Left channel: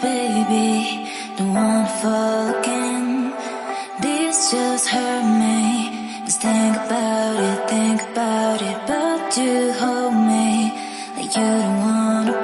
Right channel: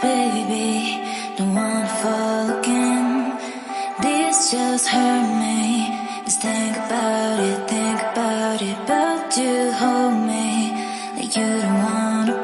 baby, don't wanna fall again. This just hurt me. Just think about it, but you hold me like you don't wanna